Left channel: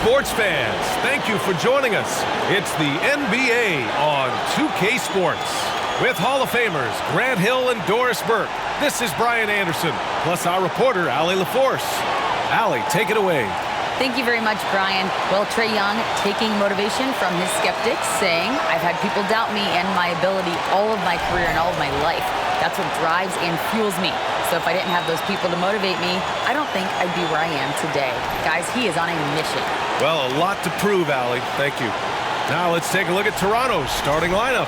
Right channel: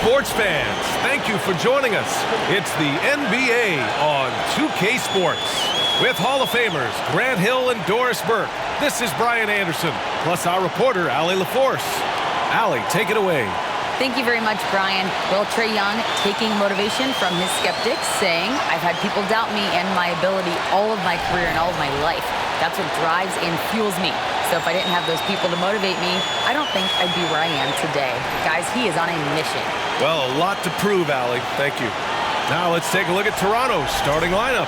Sports fans, thank you for joining us. It's the NBA on 2K Sports. With Hall of Famers Grant Hill and Doris Burke, this is Brian Anderson, plus our reporter, Allie LaForce. Allie, take it away. Thank you very much, Brian. Well, Trae Young taking motivation from his skeptics, saying, I've had people doubt me and my ability all of my career and all of my life. That's what drives and fuels me. So if I didn't have those people to motivate me, I don't think I'd be where I am today. Guys, he is on a mission. Well, a lot to prove, Allie. Thank you. Now let's take a look at Toronto's starting lineup.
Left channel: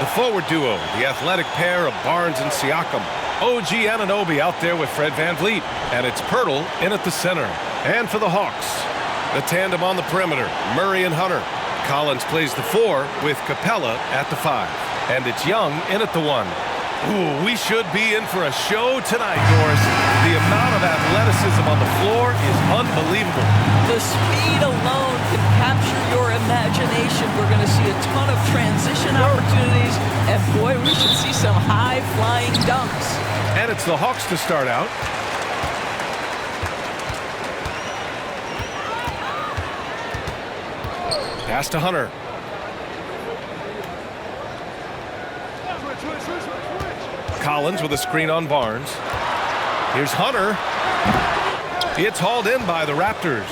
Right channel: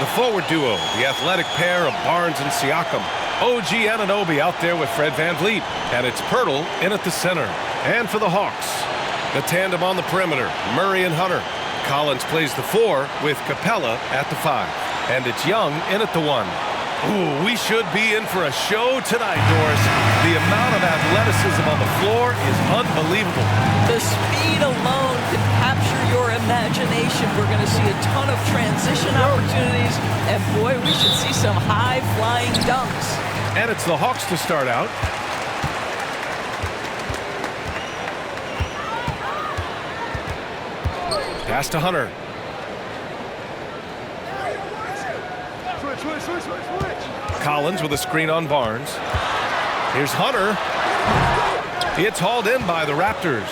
The forward duo, the athletic pair of Barnes and Siakam. OG Anunoby out there with Fred VanVleet. And it's Pirtle in at the center. And for the Hawks, the tandem on the perimeter, Murray and Hunter. Collins plays the 4 with Capella at the 5. And it's Young in at the 1. Ooh, we should be in for a show tonight, Doris. The amount of athleticism on the floor is unbelievable. The speed alone can capture your imagination. We're going to see a ton of transition opportunities. And boy, we should see some high-flying dunks. And it's the Hawks to start out. Pass to Hunter. Collins with a screen on Barnes. Here's Hunter. It's hauled in by the Raptors.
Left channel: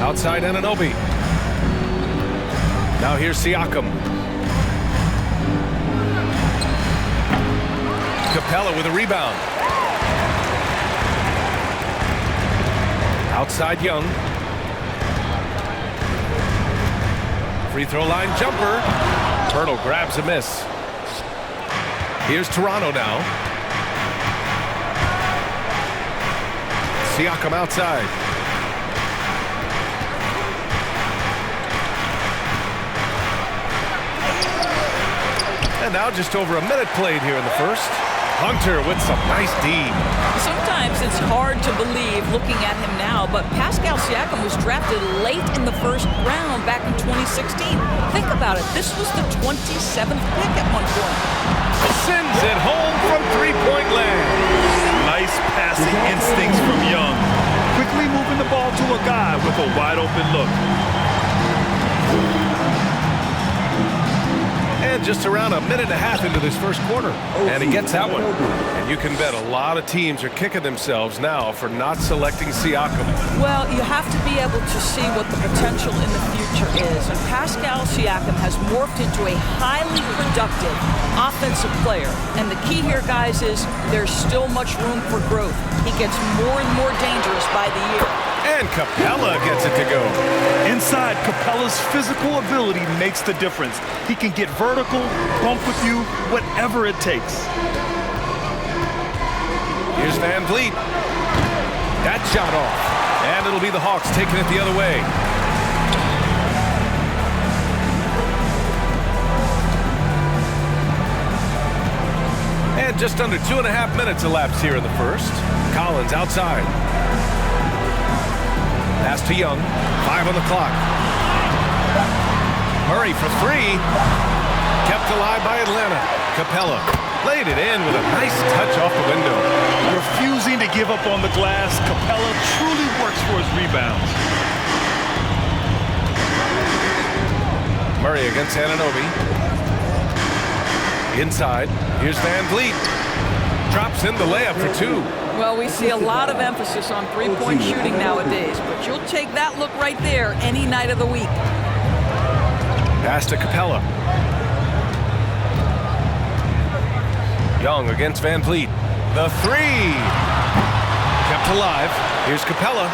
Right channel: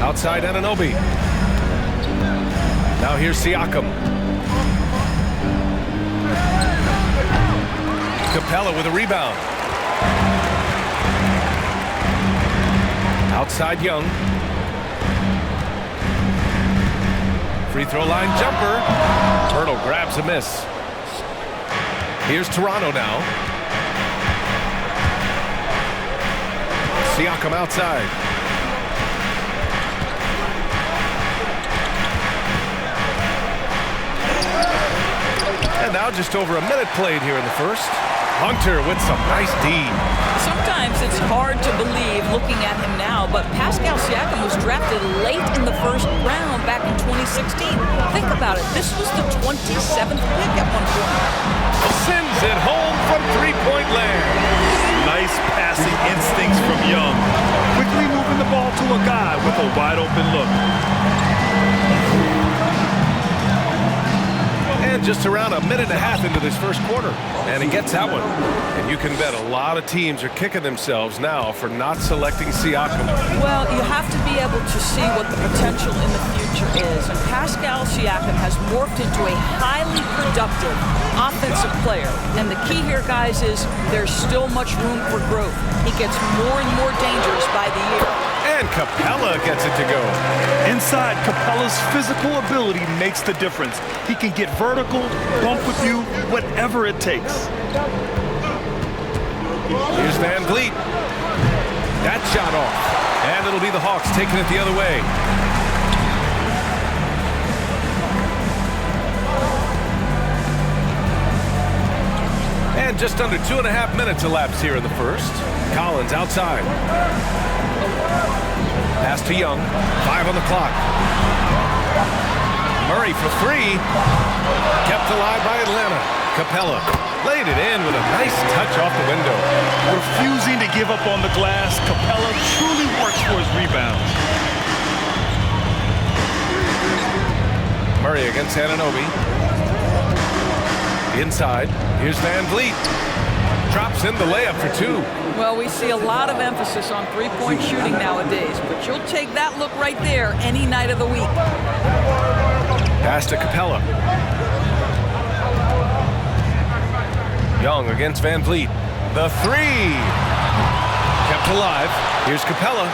Outside Anunoby. Now here's Siakam. Capella with a rebound. Outside Young. Free throw line jumper. Pirtle grabs a miss. Here's Toronto now. Siakam outside. And now just over a minute played here in the first. Hunter with some nice D. Sometimes it's hard to believe looking at him now, but Pascal Siakam was drafted late in the first round back in 2016. Think about it. This was the 27th pick at one point. Sends it home from three-point land. Nice passing instincts from Young. Quickly moving the ball to a guy with a wide-open look. And just around a minute and a half into this first quarter. And he gets that one. And you can bet a lot of teams are kicking themselves now for not selecting Siakam. Well, you have to be able to see what the potential in the future is. And Pascal Siakam has morphed into a highly productive offensive player. And the key here, guys, is there's still much room for growth. He gets more and more dangerous by the year. And Capella gets it to go. Inside, Capella's physical ability makes the difference. He can get vertical, bump with you, whatever it takes. Here's VanVleet. That shot off. And it'll be the Hawks taking it the other way. And just under 2.5 minutes elapsed here in the first. Collins outside. Pass to Young. 5 on the clock. Murray for 3. Kept alive by Atlanta. Capella laid it in with a nice touch off the window. Refusing to give up on the glass, Capella truly works for his rebounds. Murray against Anunoby. Inside. Here's VanVleet. Drops in the layup for 2. Well, we see a lot of emphasis on three-point shooting nowadays, but you'll take that look right there any night of the week. Pass to Capella. Young against VanVleet. The 3. Kept alive. Here's Capella.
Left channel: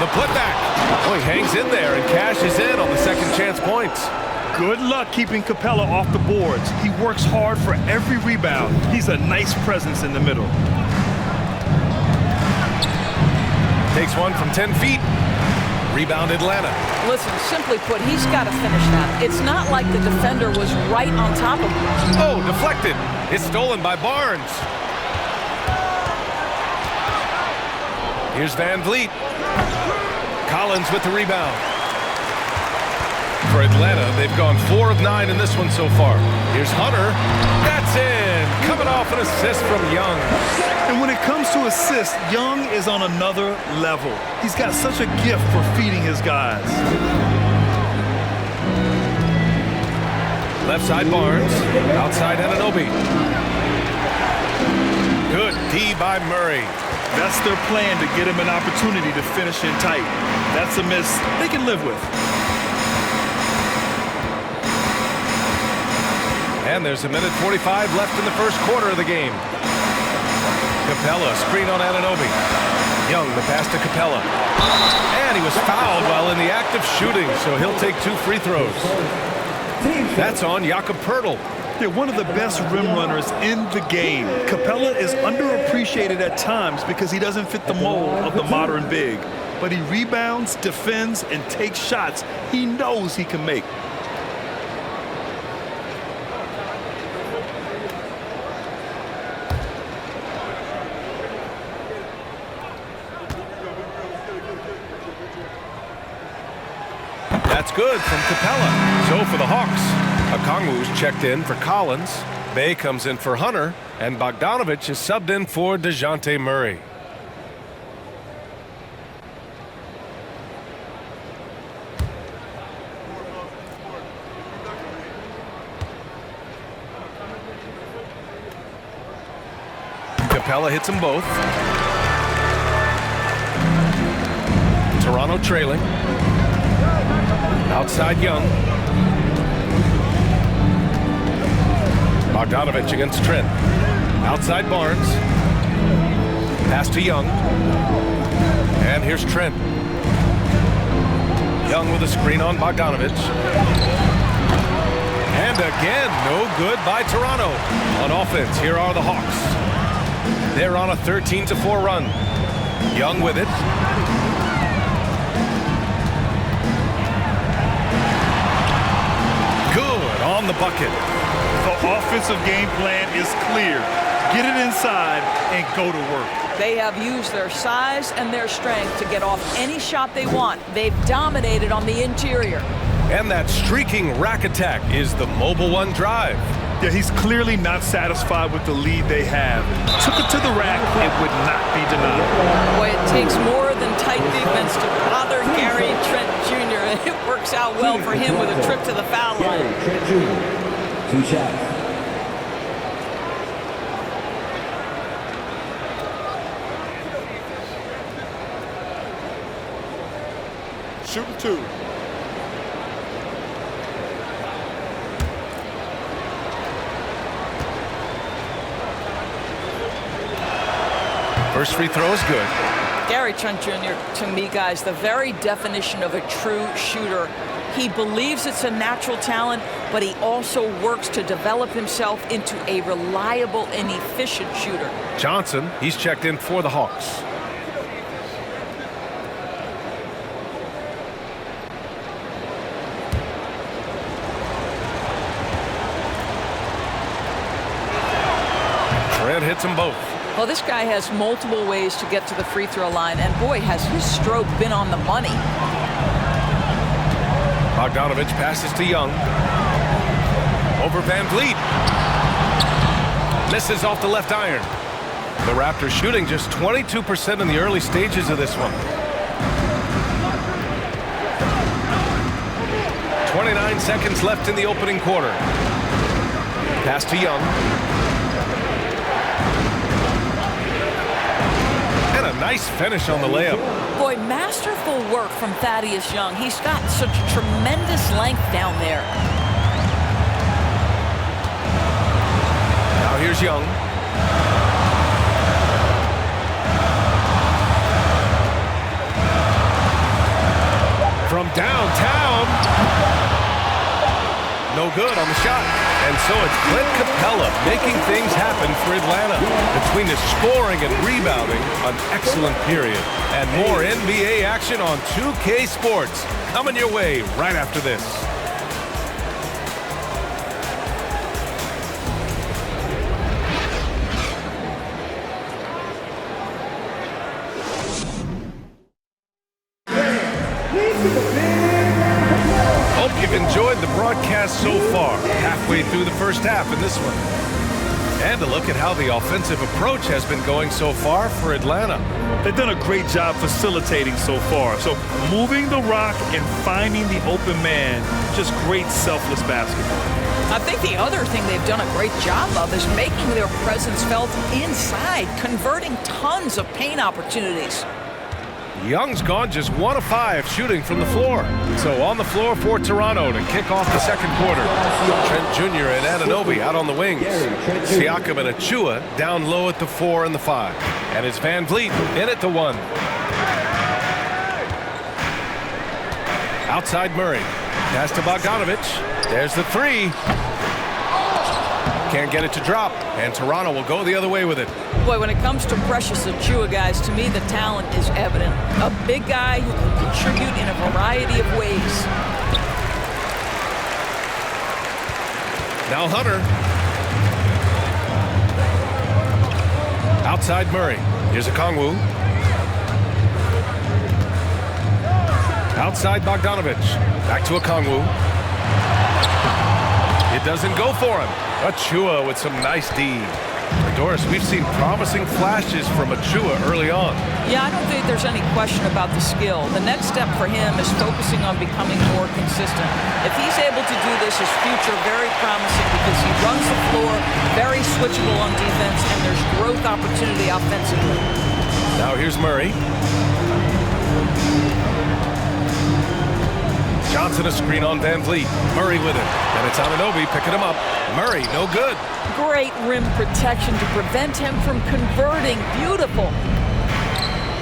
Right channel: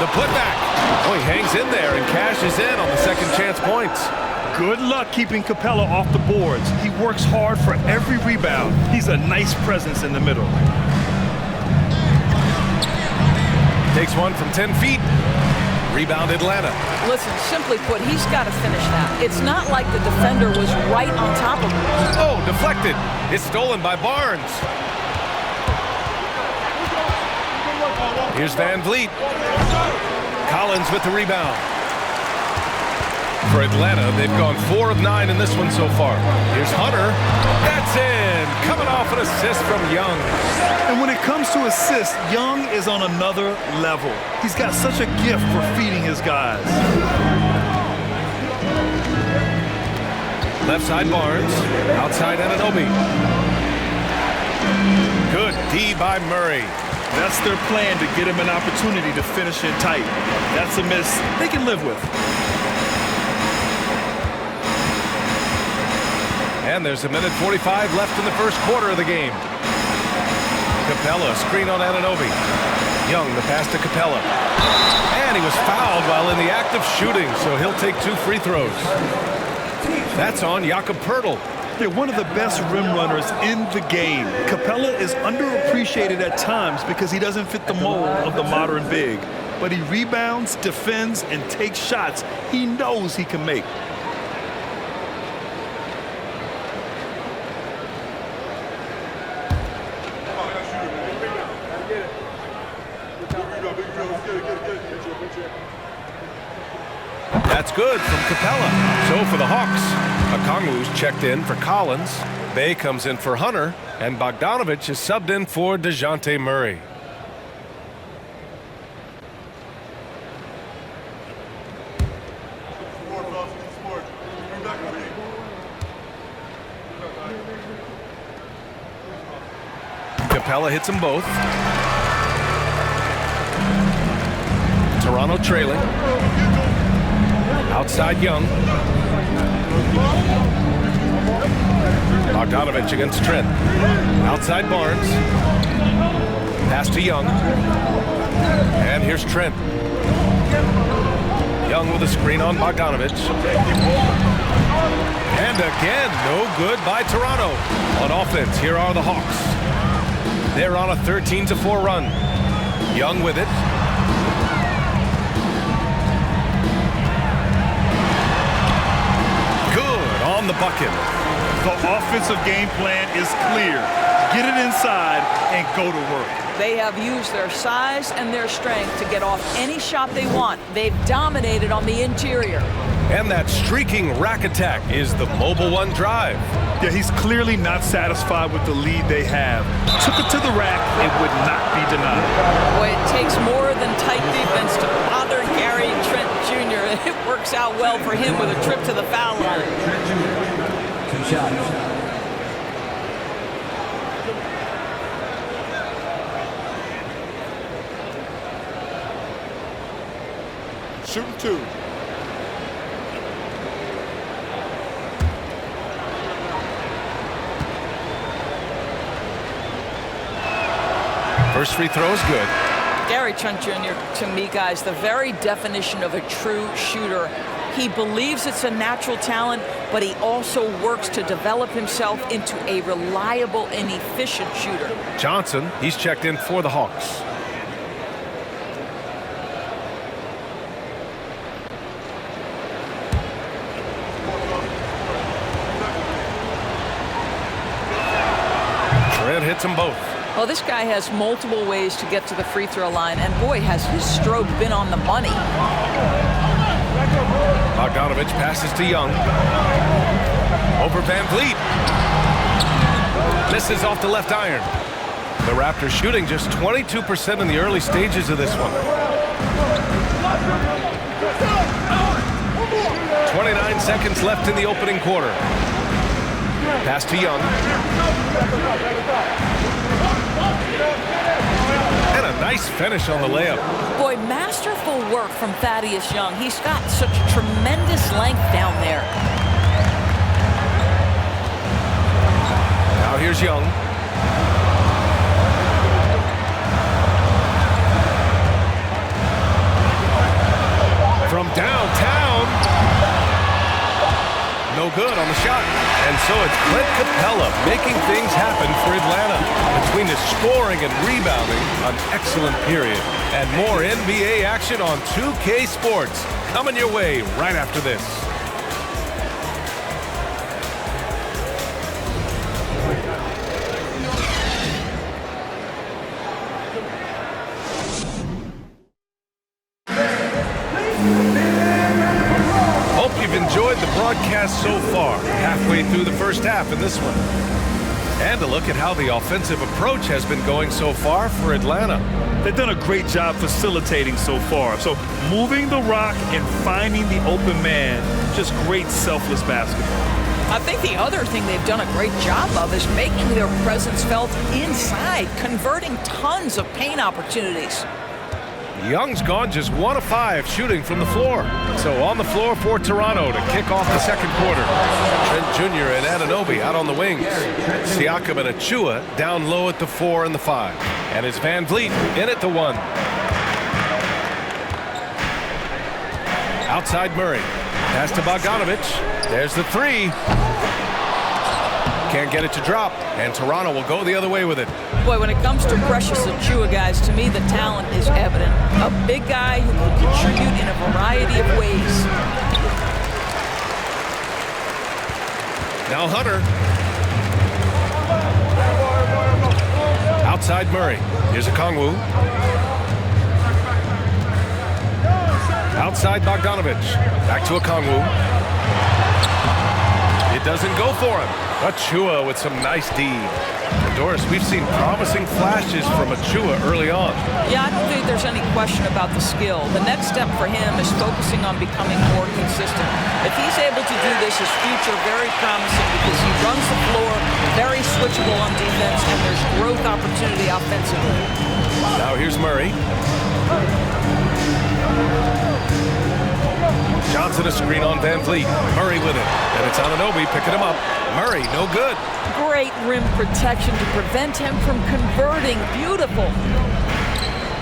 The putback. Oh, he hangs in there and cashes in on the second chance points. Good luck keeping Capella off the boards. He works hard for every rebound. He's a nice presence in the middle. Takes one from 10 feet. Rebound Atlanta. Listen, simply put, he's got to finish that. It's not like the defender was right on top of him. Oh, deflected. It's stolen by Barnes. Here's VanVleet. Collins with the rebound. For Atlanta, they've gone 4 of 9 in this one so far. Here's Hunter. That's in. Coming off an assist from Young. And when it comes to assists, Young is on another level. He's got such a gift for feeding his guys. Left side Barnes. Outside Anunoby. Good D by Murray. That's their plan, to get him an opportunity to finish in tight. That's a miss they can live with. And there's a minute 45 left in the first quarter of the game. Capella, screen on Anunoby. Young, the pass to Capella. And he was fouled while in the act of shooting, so he'll take 2 free throws. That's on Jakob Poeltl. They're one of the best rim runners in the game. Capella is underappreciated at times because he doesn't fit the mold of the modern big. But he rebounds, defends, and takes shots he knows he can make. That's good from Capella. So for the Hawks, Okongwu's checked in for Collins. Bay comes in for Hunter. And Bogdanovich is subbed in for DeJounte Murray. Capella hits them both. Toronto trailing. Outside Young. Bogdanovich against Trent. Outside Barnes. Pass to Young. And here's Trent. Young with a screen on Bogdanovich. And again, no good by Toronto. On offense, here are the Hawks. They're on a 13-4 run. Young with it. Good on the bucket. The offensive game plan is clear. Get it inside and go to work. They have used their size and their strength to get off any shot they want. They've dominated on the interior. And that streaking rack attack is the Mobile One drive. Yeah, he's clearly not satisfied with the lead they have. Took it to the rack, it would not be denied. Boy, it takes more than tight defense to bother Gary Trent Jr. And it works out well for him with a trip to the foul line. Trent Jr., 2 shots. Shooting 2. First free throw is good. Gary Trent Jr., to me, guys, the very definition of a true shooter. He believes it's a natural talent, but he also works to develop himself into a reliable and efficient shooter. Johnson, he's checked in for the Hawks. Trent hits them both. Well, this guy has multiple ways to get to the free throw line, and boy, has his stroke been on the money. Bogdanovich passes to Young. Over Van Vliet. Misses off the left iron. The Raptors shooting just 22% in the early stages of this one. 29 seconds left in the opening quarter. Pass to Young. And a nice finish on the layup. Boy, masterful work from Thaddeus Young. He's got such tremendous length down there. Now here's Young. From downtown. No good on the shot. And so it's Clint Capella making things happen for Atlanta. Between his scoring and rebounding, an excellent period. And more NBA action on 2K Sports coming your way right after this. Hope you've enjoyed the broadcast so far, halfway through the first half in this one. And a look at how the offensive approach has been going so far for Atlanta. They've done a great job facilitating so far. So moving the rock and finding the open man, just great selfless basketball. I think the other thing they've done a great job of is making their presence felt inside, converting tons of paint opportunities. Young's gone just 1 of 5 shooting from the floor. So on the floor for Toronto to kick off the second quarter. Trent Jr. and Anunoby out on the wings. Siakam and Achua down low at the 4 and the 5. And it's Van Vliet in at the 1. Outside Murray. Pass to Bogdanovich. There's the 3. Can't get it to drop. And Toronto will go the other way with it. Boy, when it comes to Precious Achiuwa, guys, to me the talent is evident. A big guy who can contribute in a variety of ways. Now Hunter. Outside Murray. Here's Okongwu. Outside Bogdanovich. Back to Okongwu. It doesn't go for him. Achua with some nice D. And Doris, we've seen promising flashes from Achua early on. Yeah, I don't think there's any question about the skill. The next step for him is focusing on becoming more consistent. If he's able to do this, his future very promising because he runs the floor, very switchable on defense, and there's growth opportunity offensively. Now here's Murray. Johnson a screen on Van Vliet. Murray with it. And it's Anunoby picking him up. Murray, no good. Great rim protection to prevent him from converting. Beautiful.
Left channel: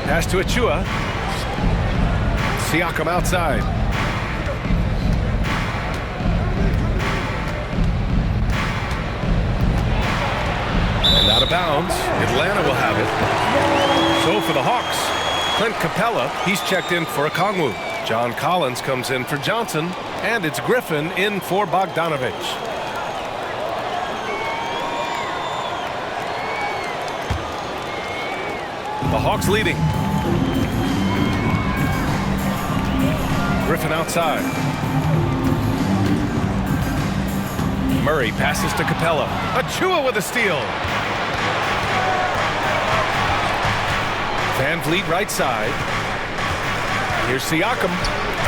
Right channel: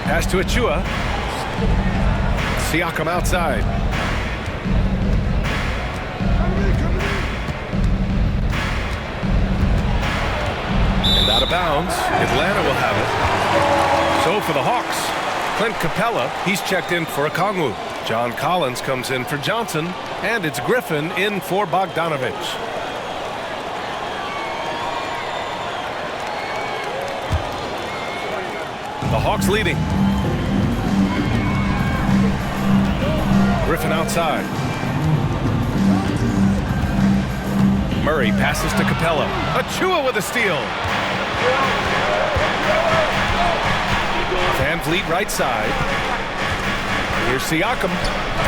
Pass to Achua. Siakam outside. And out of bounds. Atlanta will have it. So for the Hawks, Clint Capella, he's checked in for Okongwu. John Collins comes in for Johnson, and it's Griffin in for Bogdanovich. The Hawks leading. Griffin outside. Murray passes to Capella. Achua with a steal. Van Vliet right side. Here's Siakam.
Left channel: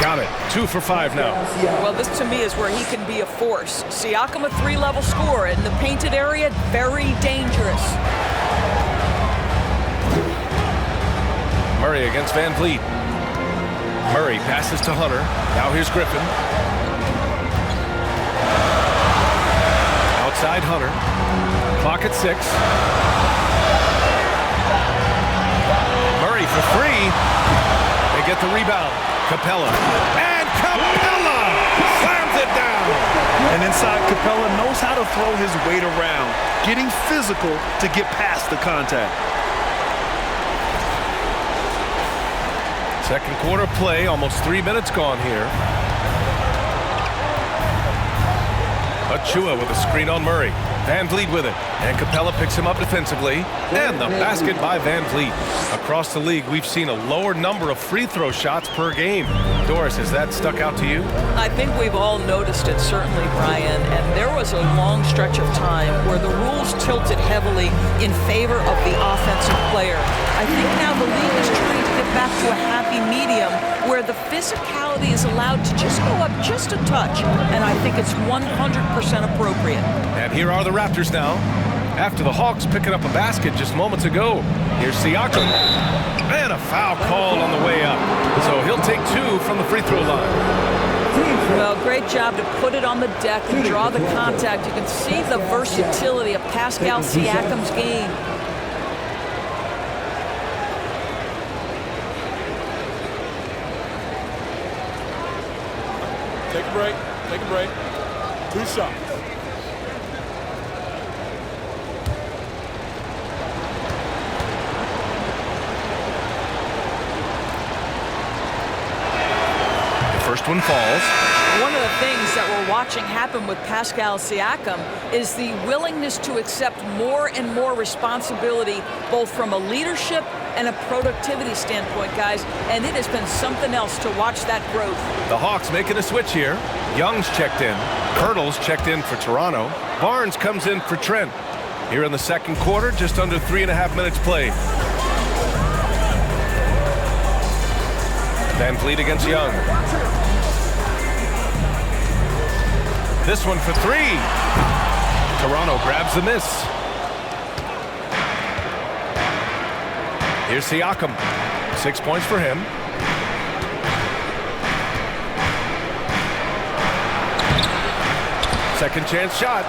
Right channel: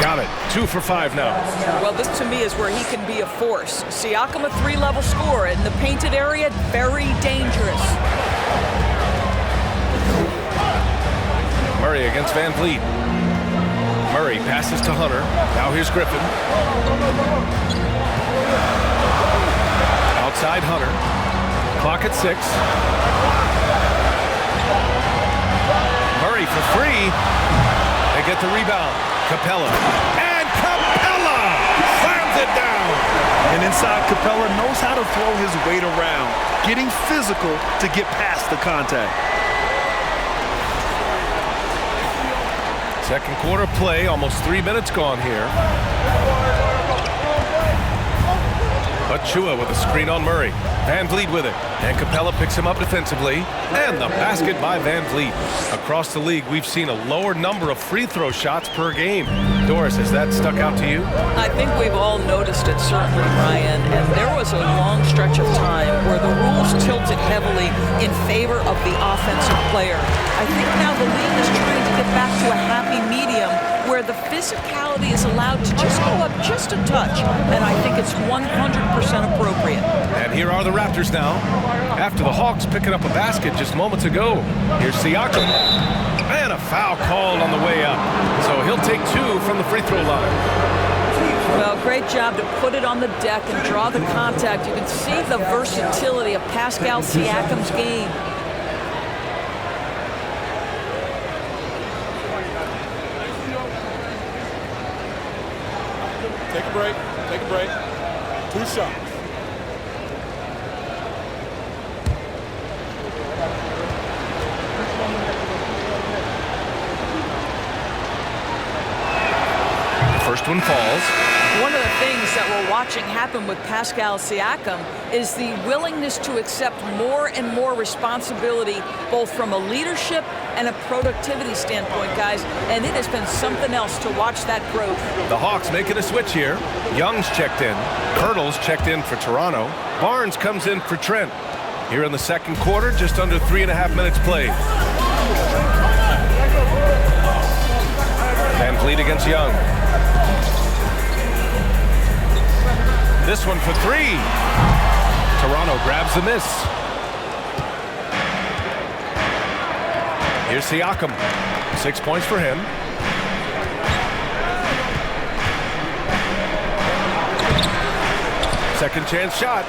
Got it. 2 for 5 now. Well, this to me is where he can be a force. Siakam, a 3-level scorer in the painted area, very dangerous. Murray against Van Vliet. Murray passes to Hunter. Now here's Griffin. Outside Hunter. Clock at 6. Murray for 3. They get the rebound. Capella. And Capella slams it down. And inside, Capella knows how to throw his weight around, getting physical to get past the contact. Second quarter play, almost 3 minutes gone here. Achua with a screen on Murray. Van Vliet with it. And Capella picks him up defensively. And the basket by Van Vliet. Across the league, we've seen a lower number of free throw shots per game. Doris, has that stuck out to you? I think we've all noticed it, certainly, Brian. And there was a long stretch of time where the rules tilted heavily in favor of the offensive player. I think now the league is trying to get back to a happy medium where the physicality is allowed to just go up just a touch. And I think it's 100% appropriate. And here are the Raptors now. After the Hawks picking up a basket just moments ago. Here's Siakam. And a foul called on the way up. So he'll take 2 from the free throw line. Well, great job to put it on the deck and draw the contact. You can see the versatility of Pascal Siakam's game. Take a break. Take a break. 2 shots. First one falls. One of the things that we're watching happen with Pascal Siakam is the willingness to accept more and more responsibility, both from a leadership and a productivity standpoint, guys, and it has been something else to watch that growth. The Hawks making a switch here. Young's checked in. Pirtle's checked in for Toronto. Barnes comes in for Trent. Here in the second quarter, just under 3.5 minutes played. Van Vliet against Young. This one for three. Toronto grabs the miss. Here's Siakam. 6 points for him. Second chance shot.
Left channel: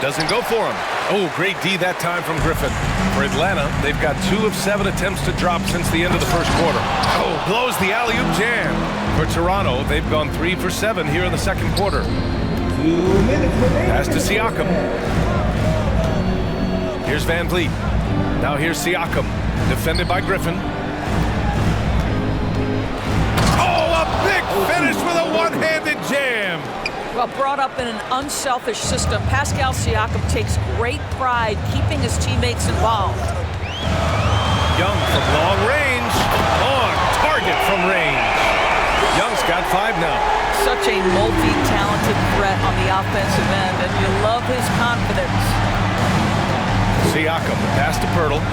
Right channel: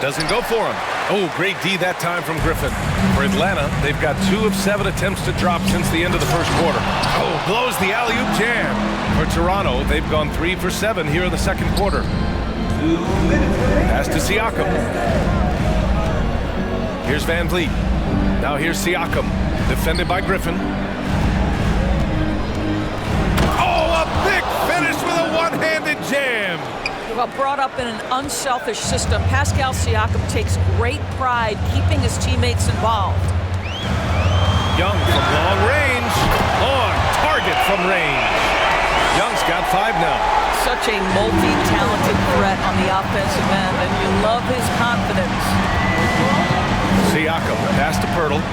Doesn't go for him. Oh, great D that time from Griffin. For Atlanta, they've got 2 of 7 attempts to drop since the end of the first quarter. Oh, blows the alley-oop jam. For Toronto, they've gone 3 for 7 here in the second quarter. 2 minutes. Pass to Siakam. Here's Van Vliet. Now here's Siakam. Defended by Griffin. Oh, a big finish with a one-handed jam. Well, brought up in an unselfish system, Pascal Siakam takes great pride keeping his teammates involved. Young from long range. On target from range. Young's got 5 now. Such a multi-talented threat on the offensive end, and you love his confidence. Siakam, the pass to Pirtle.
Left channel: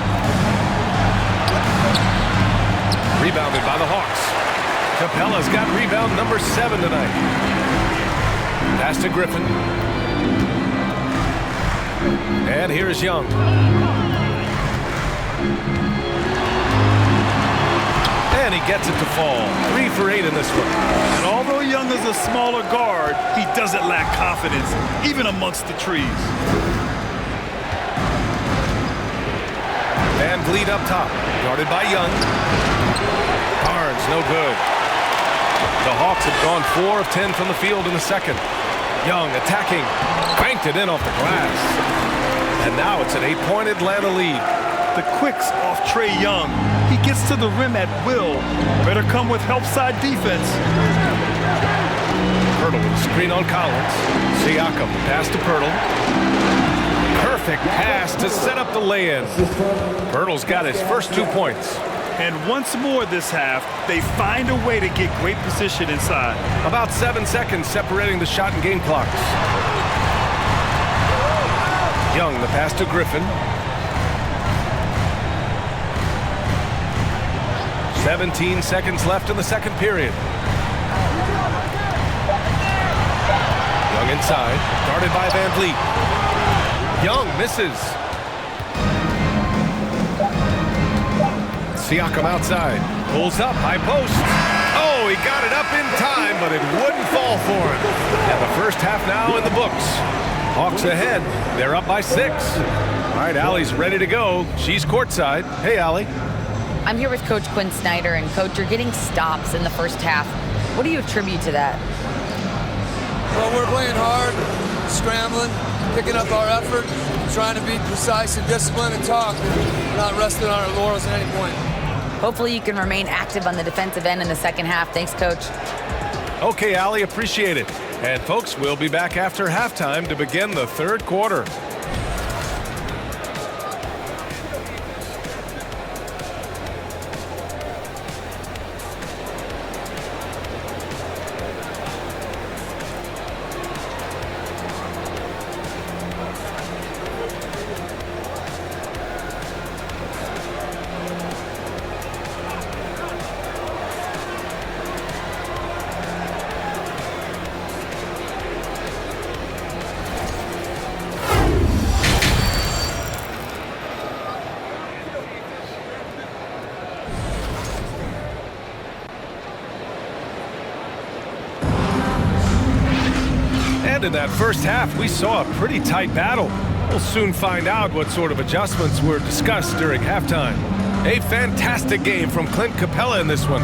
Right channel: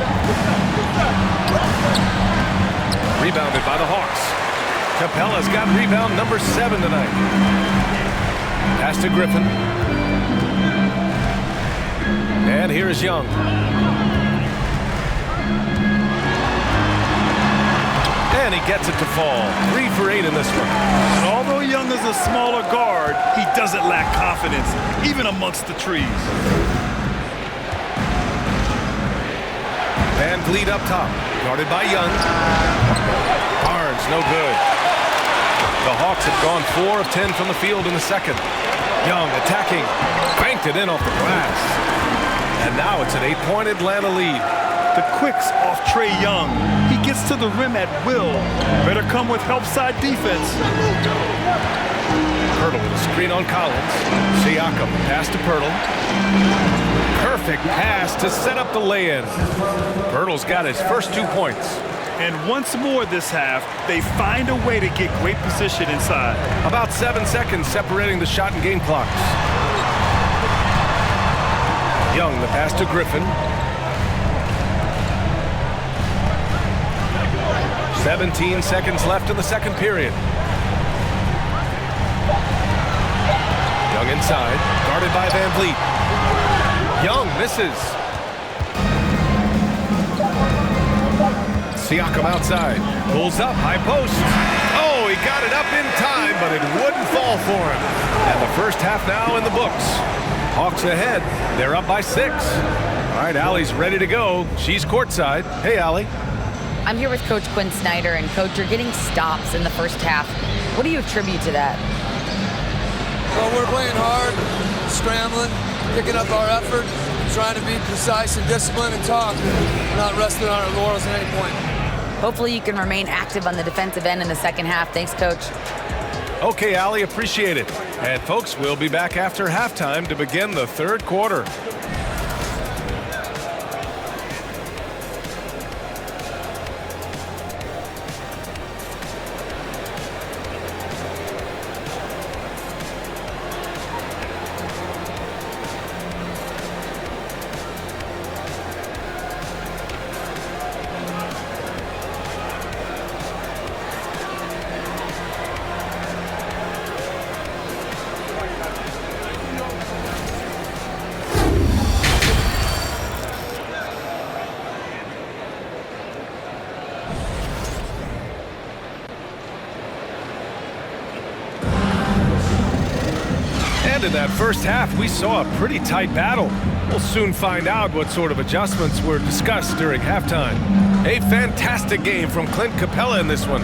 Rebounded by the Hawks. Capella's got rebound number 7 tonight. Pass to Griffin. And here's Young. And he gets it to fall. 3 for 8 in this one. And although Young is a smaller guard, he doesn't lack confidence, even amongst the trees. Van Vliet up top. Guarded by Young. Barnes, no good. The Hawks have gone 4 of 10 from the field in the second. Young attacking. Banked it in off the glass. And now it's an 8-point Atlanta lead. The quicks off Trae Young. He gets to the rim at will. Better come with help side defense. Pirtle with a screen on Collins. Siakam, pass to Pirtle. Perfect pass to set up the lay-in. Pirtle's got his first 2 points. And once more this half, they find a way to get great position inside. About 7 seconds separating the shot and game clocks. Young, the pass to Griffin. 17 seconds left in the second period. Young inside, guarded by Van Vliet. Young misses. Siakam outside, pulls up, high post. Oh, he got it up in time, but it wouldn't fall for him. And the first half now in the books. Hawks ahead, they're up by 6. All right, Allie's ready to go. She's courtside. Hey, Allie. I'm here with Coach Quinn Snyder, and Coach, you're getting stops in the first half. What do you attribute to that? Well, we're playing hard, scrambling, picking up our effort, trying to be precise and disciplined and talk. We're not resting on our laurels at any point. Hopefully you can remain active on the defensive end in the second half. Thanks, Coach. Okay, Allie, appreciate it. And folks, we'll be back after halftime to begin the third quarter. And in that first half, we saw a pretty tight battle. We'll soon find out what sort of adjustments were discussed during halftime. A fantastic game from Clint Capella in this one.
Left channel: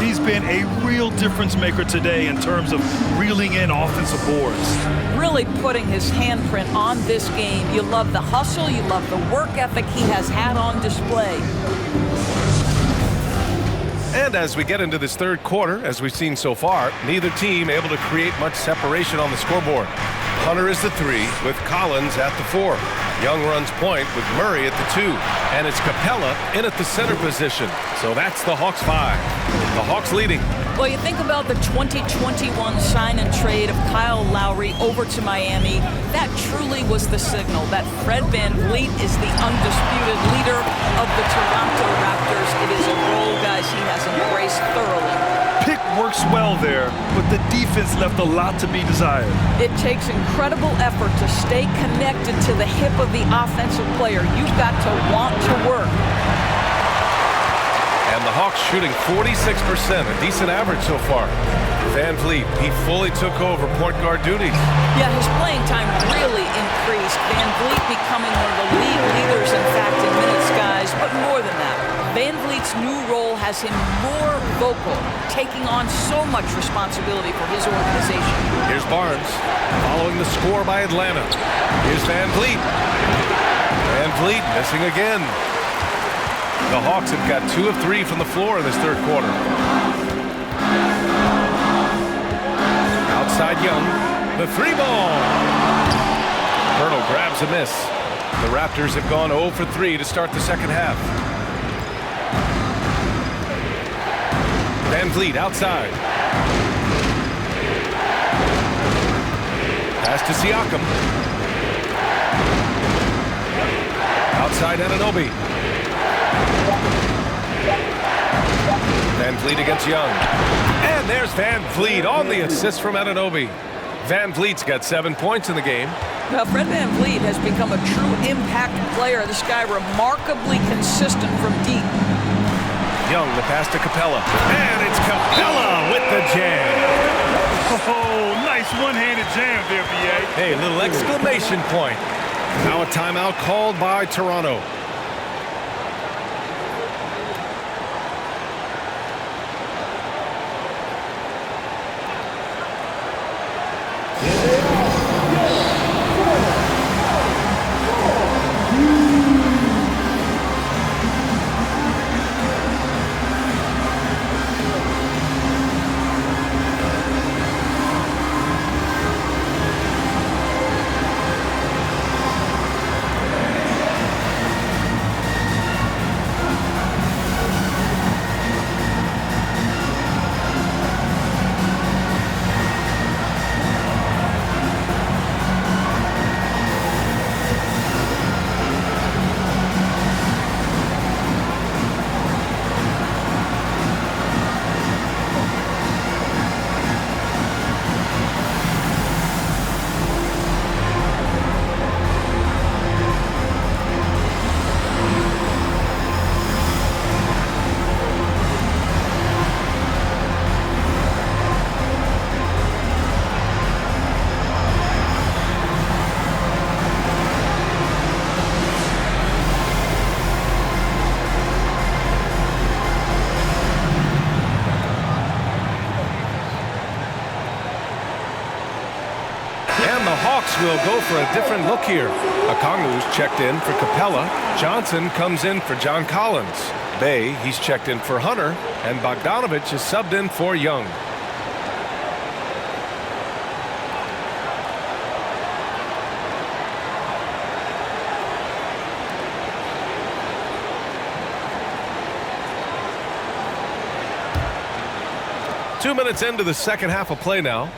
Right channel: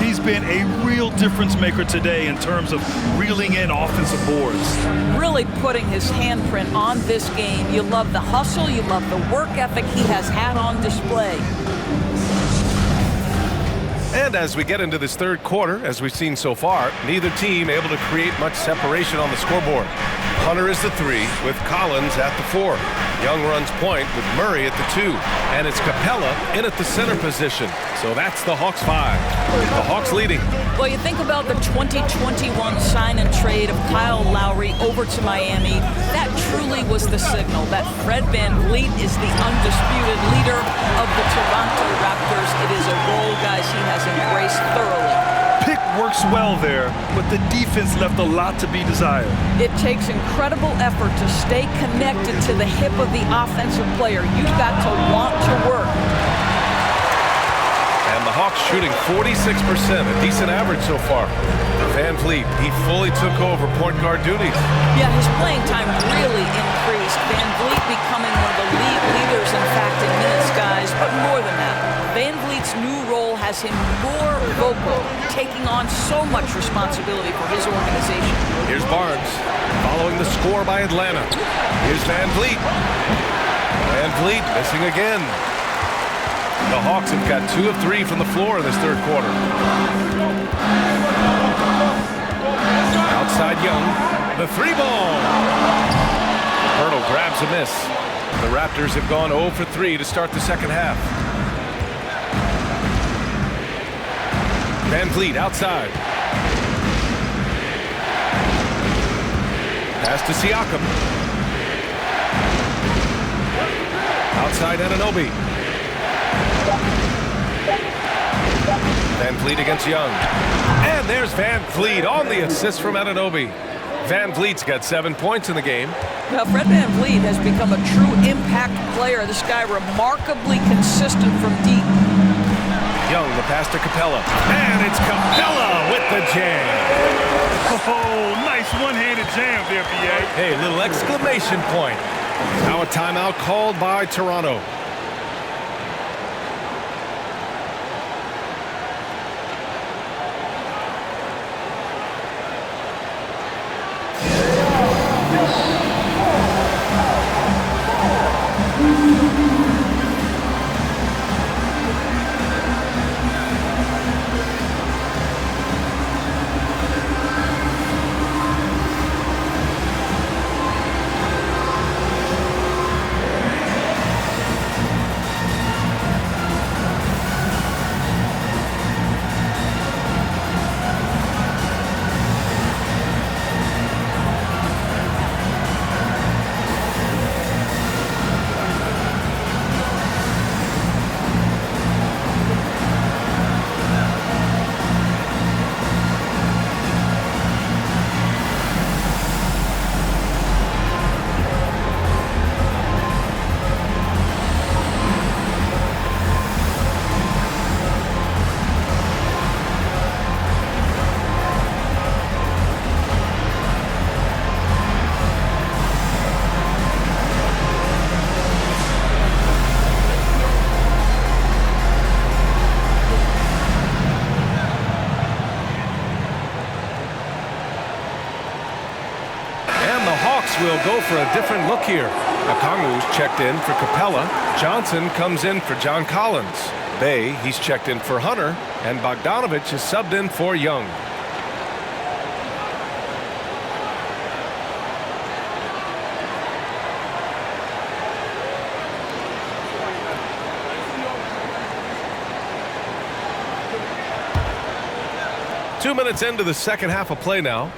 He's been a real difference maker today in terms of reeling in offensive boards. Really putting his handprint on this game. You love the hustle, you love the work ethic he has had on display. And as we get into this third quarter, as we've seen so far, neither team able to create much separation on the scoreboard. Hunter is the 3 with Collins at the 4. Young runs point with Murray at the 2. And it's Capella in at the center position. So that's the Hawks 5. The Hawks leading. Well, you think about the 2021 sign and trade of Kyle Lowry over to Miami. That truly was the signal that Fred VanVleet is the undisputed leader of the Toronto Raptors. It is a role, guys, he has embraced thoroughly. Pick works well there, but the defense left a lot to be desired. It takes incredible effort to stay connected to the hip of the offensive player. You've got to want to work. And the Hawks shooting 46%, a decent average so far. For VanVleet, he fully took over point guard duties. Yeah, his playing time really increased. VanVleet becoming one of the league leaders, in fact, in minutes, guys. But more than that, VanVleet's new role has him more vocal, taking on so much responsibility for his organization. Here's Barnes, following the score by Atlanta. Here's VanVleet. VanVleet missing again. The Hawks have got 2 of 3 from the floor in this third quarter. Outside Young, the 3 ball. Hurdle grabs a miss. The Raptors have gone 0 for 3 to start the second half. VanVleet outside. Pass to Siakam. Outside Anunoby. VanVleet against Young. And there's VanVleet on the assist from Anunoby. VanVleet's got 7 points in the game. Now, Fred VanVleet has become a true impact player. This guy remarkably consistent from deep. Young, the pass to Capella. And it's Capella with the jam. Oh, nice one-handed jam there, B.A. Hey, little exclamation point. Now a timeout called by Toronto. And the Hawks will go for a different look here. Okongwu's checked in for Capella. Johnson comes in for John Collins. Bay, he's checked in for Hunter. And Bogdanovich is subbed in for Young. Two minutes into the second half of play now.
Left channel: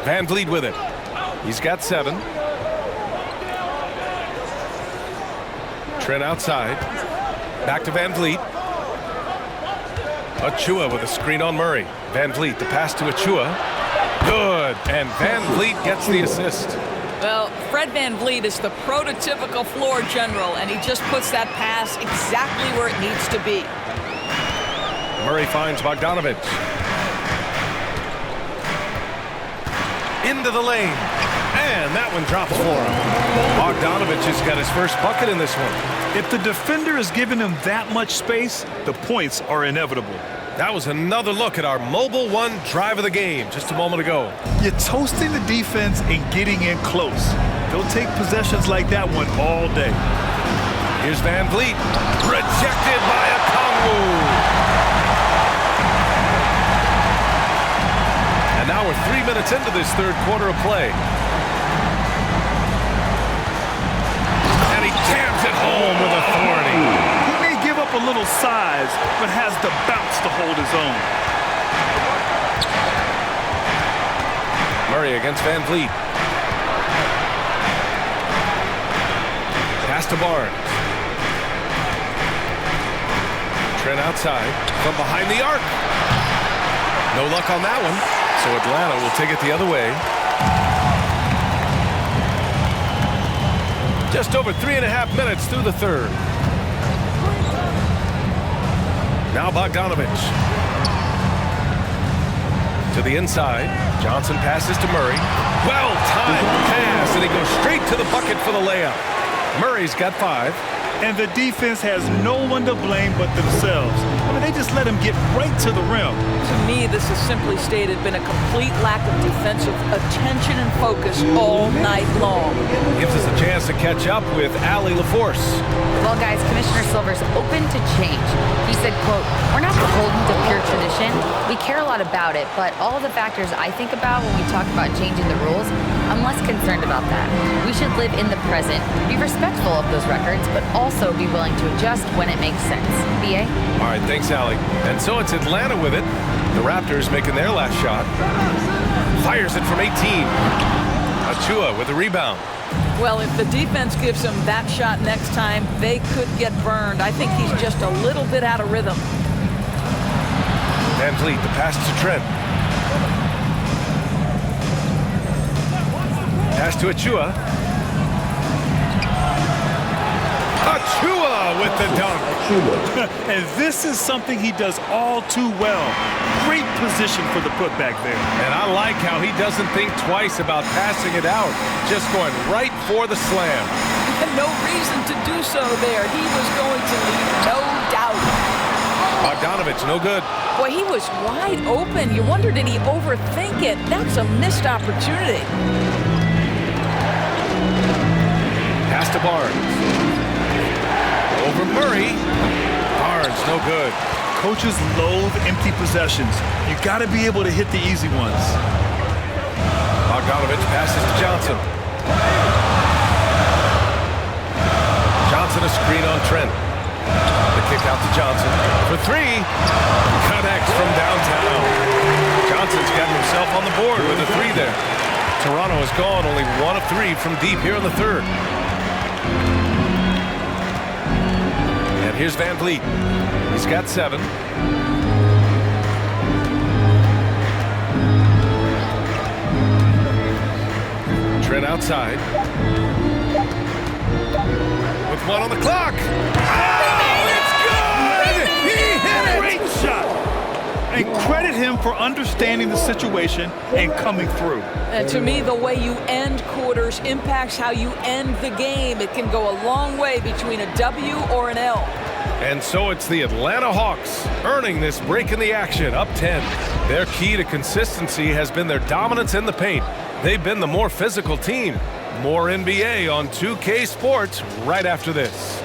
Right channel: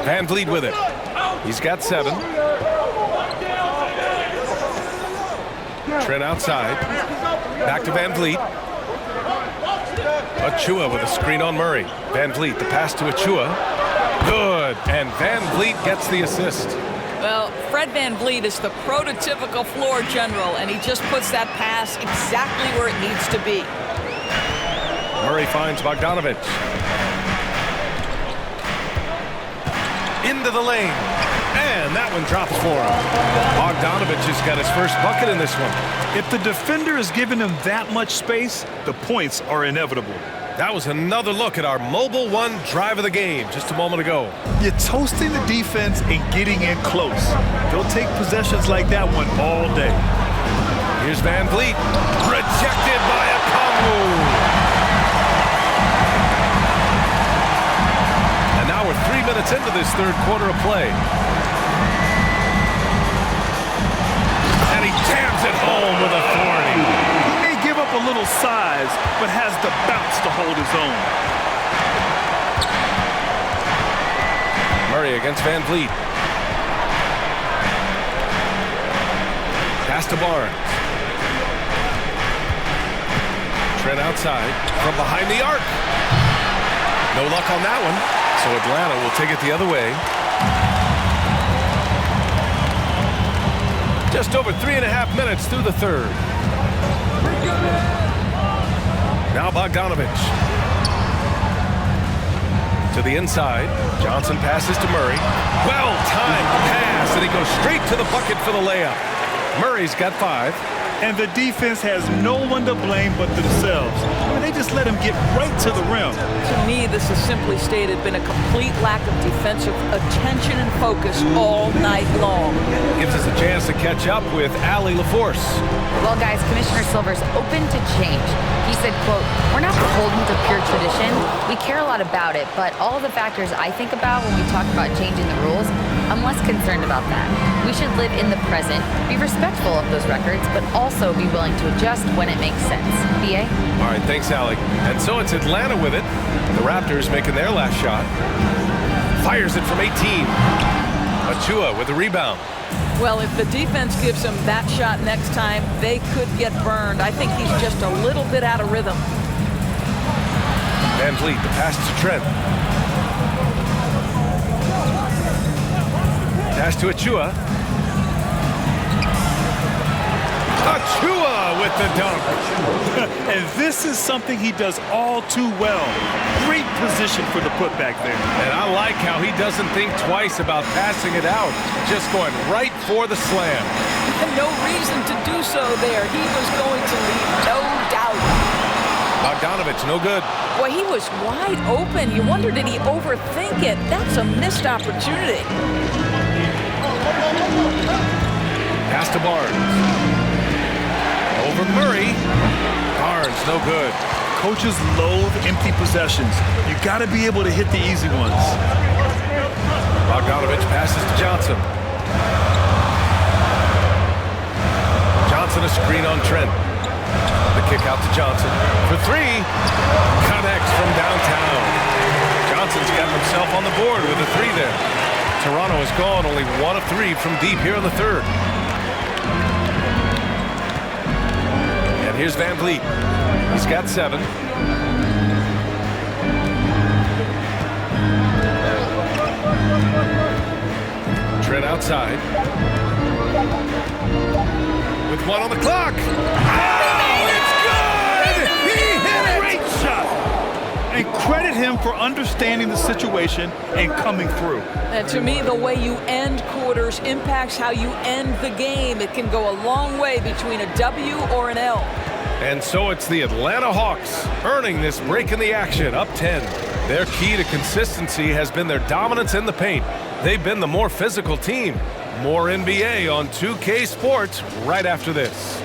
VanVleet with it. He's got 7. Trent outside. Back to VanVleet. Achua with a screen on Murray. VanVleet, the pass to Achua. Good. And VanVleet gets the assist. Well, Fred VanVleet is the prototypical floor general, and he just puts that pass exactly where it needs to be. Murray finds Bogdanovich. Into the lane. And that one drops for him. Bogdanovich has got his first bucket in this one. If the defender is giving him that much space, the points are inevitable. That was another look at our Mobile One drive of the game just a moment ago. You're toasting the defense and getting in close. They'll take possessions like that one all day. Here's Van Vliet. Rejected by Okongwu. And now we're 3 minutes into this third quarter of play. And he jams it home with authority. He may give up a little size, but has the bounce to hold his own. Murray against Van Vliet. Pass to Barnes. Trent outside from behind the arc. No luck on that one. So Atlanta will take it the other way. Just over 3.5 minutes through the third. Now Bogdanovich. To the inside. Johnson passes to Murray. Well-timed pass, and he goes straight to the bucket for the layup. Murray's got 5. And the defense has no one to blame but themselves. I mean, they just let him get right to the rim. To me, this has simply stated been a complete lack of defensive attention and focus all night long. Gives us a chance to catch up with Allie LaForce. Well, guys, Commissioner Silver's open to change. He said, quote, "We're not beholden to pure tradition. We care a lot about it, but all the factors I think about when we talk about changing the rules, I'm less concerned about that. We should live in the present, be respectful of those records, but also be willing to adjust when it makes sense." B.A.? All right, thanks, Allie. And so it's Atlanta with it. The Raptors making their last shot. Fires it from 18. Achua with the rebound. Well, if the defense gives him that shot next time, they could get burned. I think he's just a little bit out of rhythm. Van Vliet, the pass to Trent. Pass to Achua. Achua with the dunk. And this is something he does all too well. Great position for the putback there. And I like how he doesn't think twice about passing it out. Just going right for the slam. No reason to do so there. He was going to leave, no doubt. Bogdanovich, no good. Boy, he was wide open. You wonder, did he overthink it? That's a missed opportunity. Pass to Barnes. Over Murray. Barnes, no good. Coaches loathe empty possessions. You got to be able to hit the easy ones. Bogdanovich passes to Johnson. Johnson a screen on Trent. The kick out to Johnson for 3. Connects from downtown. Johnson's gotten himself on the board with a 3 there. Toronto has gone only 1 of 3 from deep here in the third. And here's Van Vliet. He's got 7. Trent outside. With 1 on the clock. Oh, it's good! He hit it! Great shot. And credit him for understanding the situation and coming through. And to me, the way you end quarters impacts how you end the game. It can go a long way between a W or an L. And so it's the Atlanta Hawks earning this break in the action, up 10. Their key to consistency has been their dominance in the paint. They've been the more physical team. More NBA on 2K Sports right after this.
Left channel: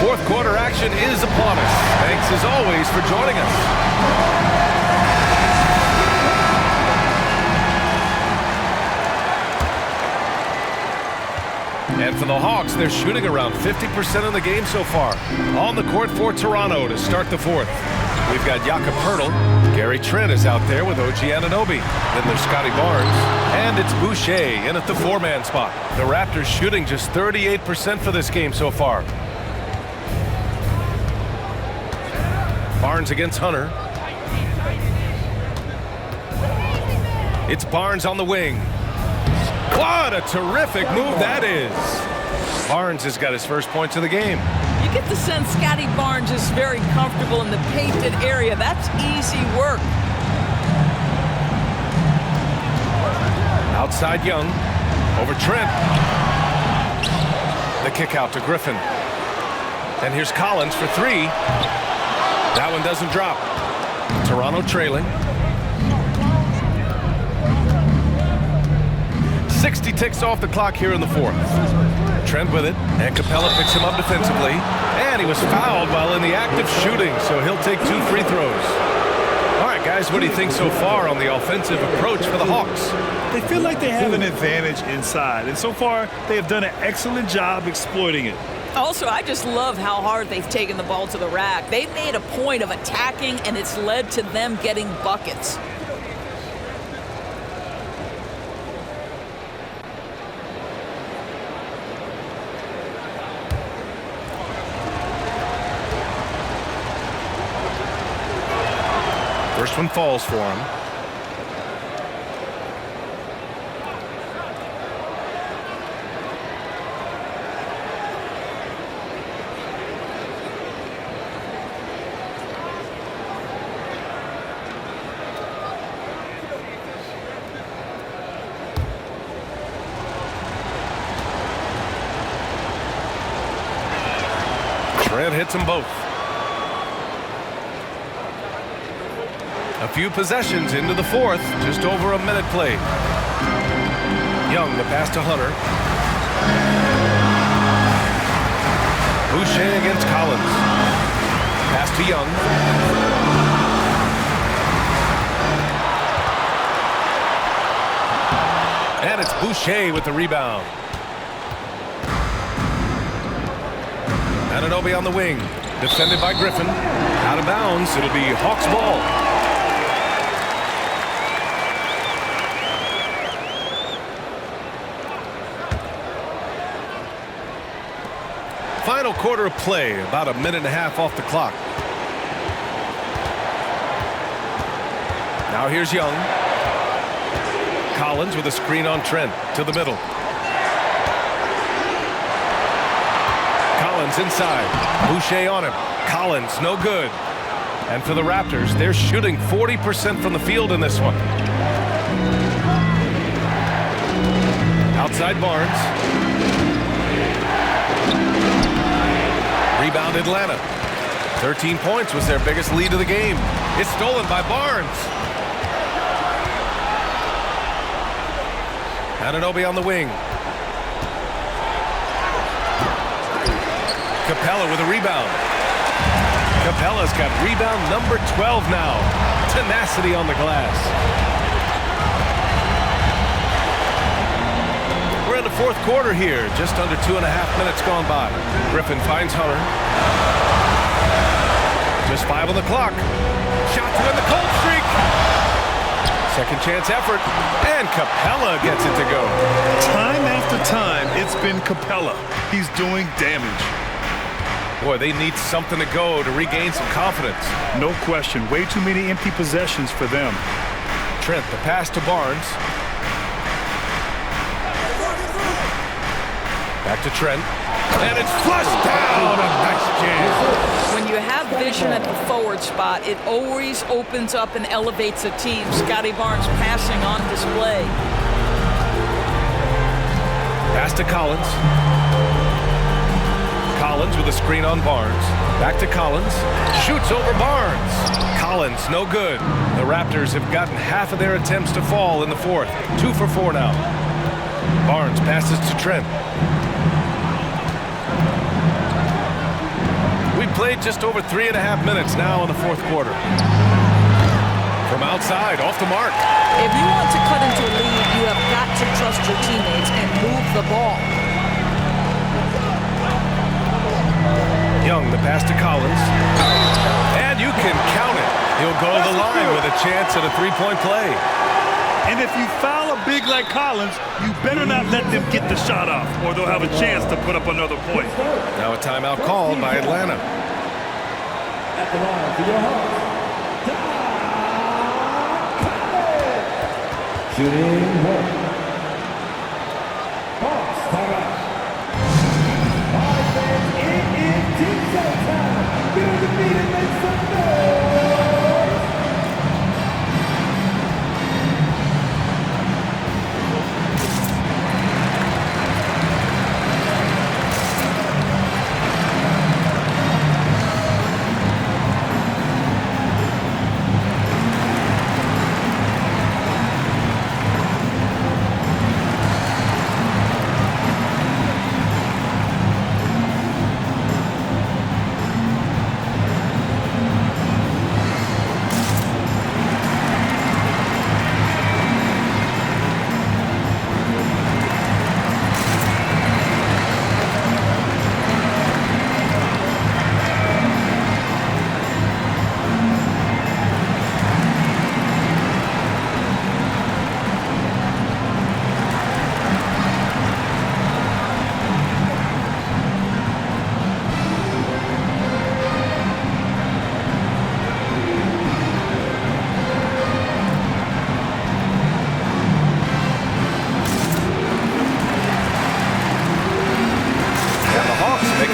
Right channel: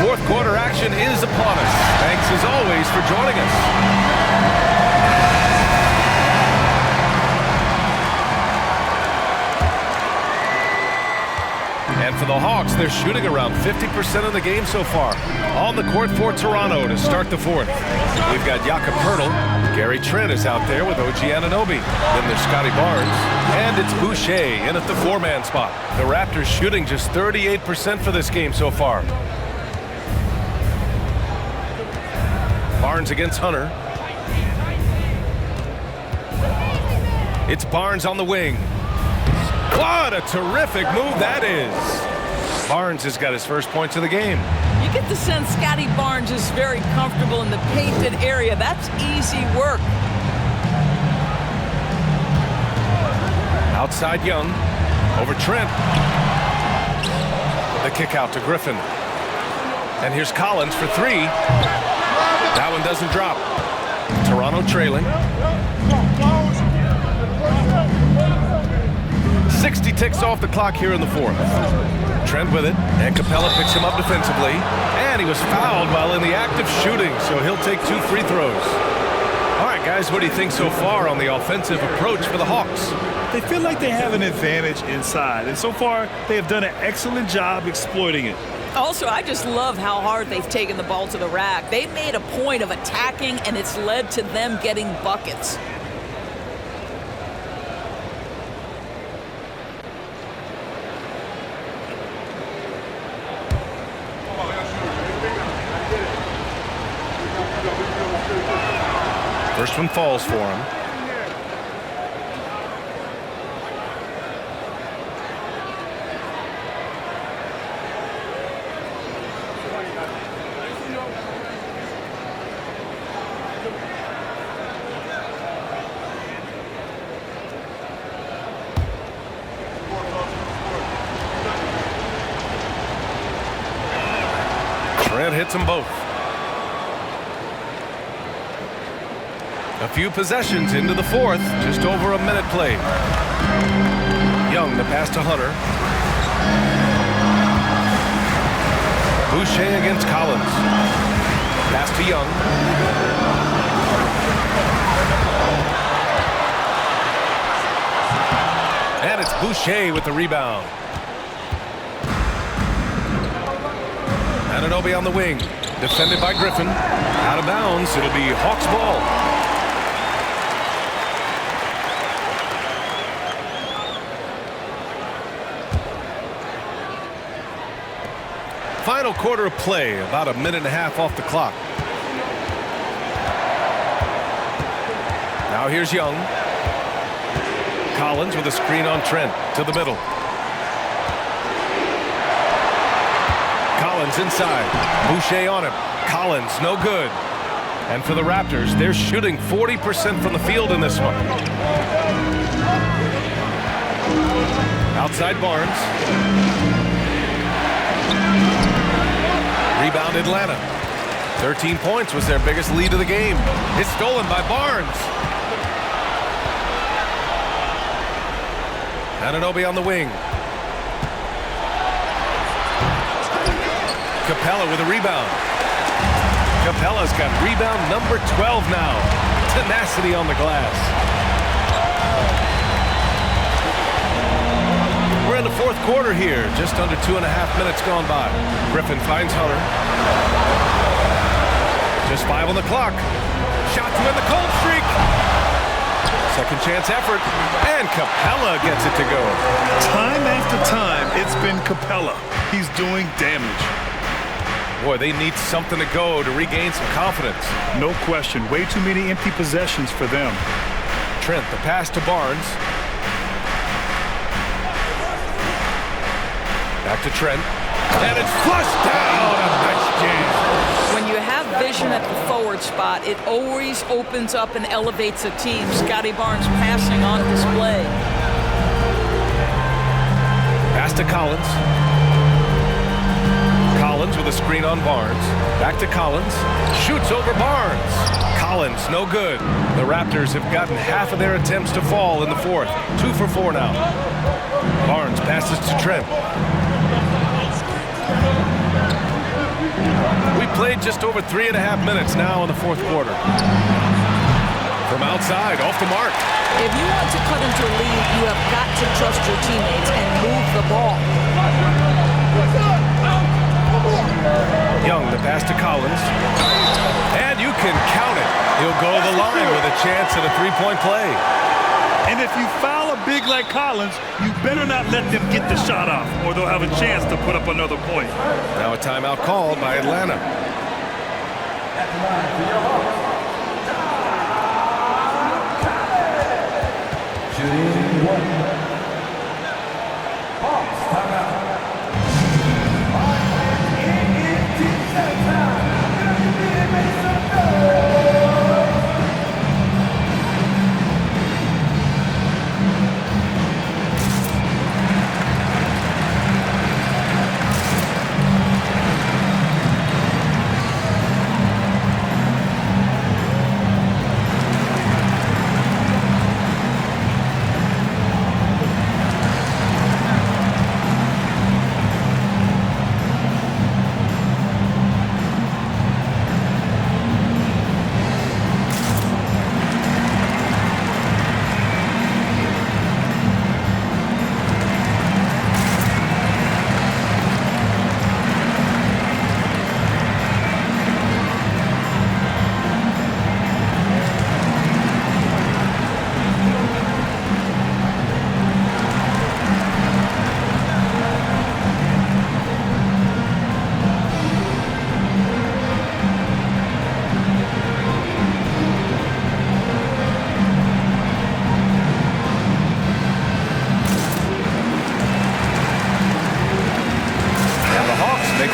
Fourth quarter action is upon us. Thanks as always for joining us. And for the Hawks, they're shooting around 50% of the game so far. On the court for Toronto to start the fourth. We've got Jakob Poeltl. Gary Trent is out there with OG Anunoby. Then there's Scotty Barnes. And it's Boucher in at the 4-man spot. The Raptors shooting just 38% for this game so far. Barnes against Hunter. It's Barnes on the wing. What a terrific move that is. Barnes has got his first points of the game. You get the sense Scotty Barnes is very comfortable in the painted area. That's easy work. Outside Young. Over Trent. The kick out to Griffin. And here's Collins for three. That one doesn't drop. Toronto trailing. 60 ticks off the clock here in the fourth. Trent with it, and Capella picks him up defensively. And he was fouled while in the act of shooting, so he'll take 2 free throws. All right, guys, what do you think so far on the offensive approach for the Hawks? They feel like they have an advantage inside, and so far they have done an excellent job exploiting it. Also, I just love how hard they've taken the ball to the rack. They've made a point of attacking, and it's led to them getting buckets. First one falls for him. Trent hits them both. A few possessions into the fourth, just over a minute played. Young, the pass to Hunter. Boucher against Collins. Pass to Young. And it's Boucher with the rebound. Anunoby on the wing, defended by Griffin. Out of bounds, it'll be Hawks ball. Final quarter of play, about a minute and a half off the clock. Now here's Young. Collins with a screen on Trent to the middle. Collins inside. Boucher on him. Collins, no good. And for the Raptors, they're shooting 40% from the field in this one. Outside Barnes. Rebound Atlanta. 13 points was their biggest lead of the game. It's stolen by Barnes. Anunoby on the wing. Capella with a rebound. Capella's got rebound number 12 now. Tenacity on the glass. We're in the fourth quarter here. Just under 2.5 minutes gone by. Griffin finds Hunter. Just 5 on the clock. Shot to end the cold streak. Second chance effort. And Capella gets it to go. Time after time, it's been Capella. He's doing damage. Boy, they need something to go to regain some confidence. No question. Way too many empty possessions for them. Trent, the pass to Barnes. Back to Trent. And it's flushed down. A nice jam. When you have vision at the forward spot, it always opens up and elevates a team. Scotty Barnes passing on display. Pass to Collins. Collins with a screen on Barnes. Back to Collins. Shoots over Barnes. Collins, no good. The Raptors have gotten half of their attempts to fall in the fourth. 2 for 4 now. Barnes passes to Trent. We played just over 3.5 minutes now in the fourth quarter. From outside, off the mark. If you want to cut into a lead, you have got to trust your teammates and move the ball. Young, the pass to Collins. And you can count it. He'll go to the line with a chance at a three-point play. And if you foul a big like Collins, you better not let them get the shot off, or they'll have a chance to put up another point. Now a timeout called by Atlanta. At the line for your Hawks. Shooting 1. Hawks, timeout.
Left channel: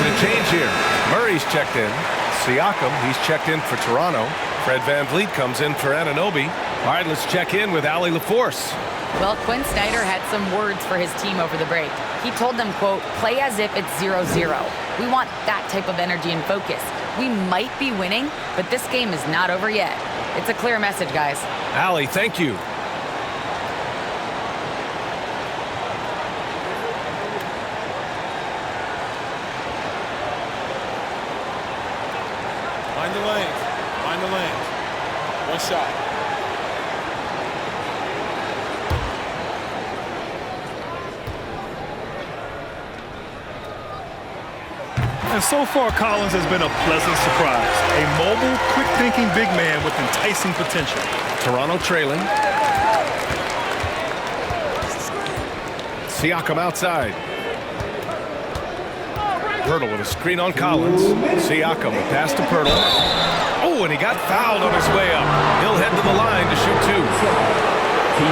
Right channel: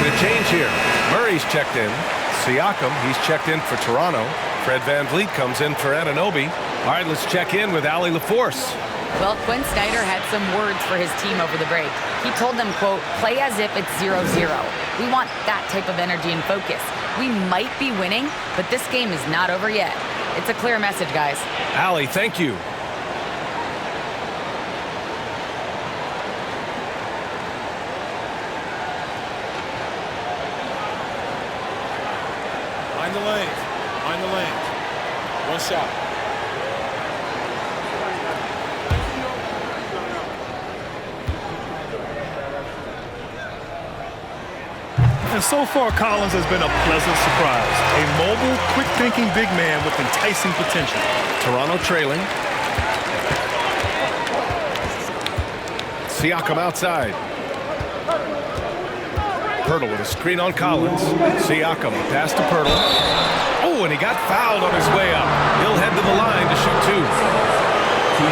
Making a change here. Murray's checked in. Siakam, he's checked in for Toronto. Fred VanVleet comes in for Anunoby. All right, let's check in with Allie LaForce. Well, Quinn Snyder had some words for his team over the break. He told them, quote, play as if it's 0-0. We want that type of energy and focus. We might be winning, but this game is not over yet. It's a clear message, guys. Allie, thank you. Mind the lanes. Mind the lanes. One shot. And so far, Collins has been a pleasant surprise. A mobile, quick-thinking big man with enticing potential. Toronto trailing. Siakam outside. Pirtle with a screen on Collins. Siakam, a pass to Pirtle. Oh, and he got fouled on his way up. He'll head to the line to shoot two.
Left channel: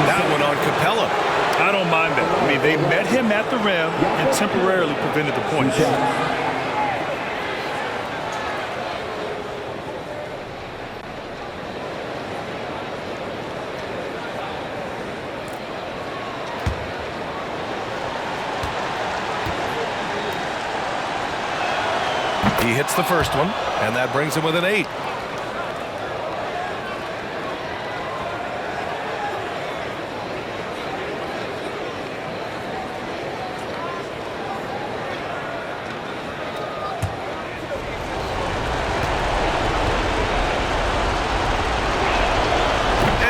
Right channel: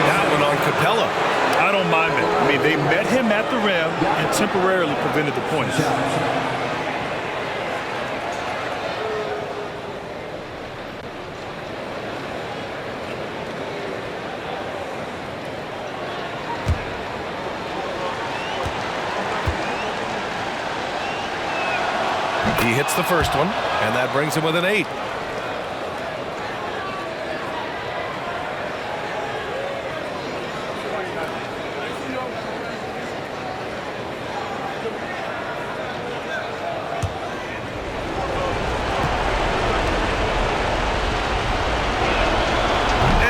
That one on Capella. I don't mind that. I mean, they met him at the rim and temporarily prevented the points. He hits the first one, and that brings him with an 8.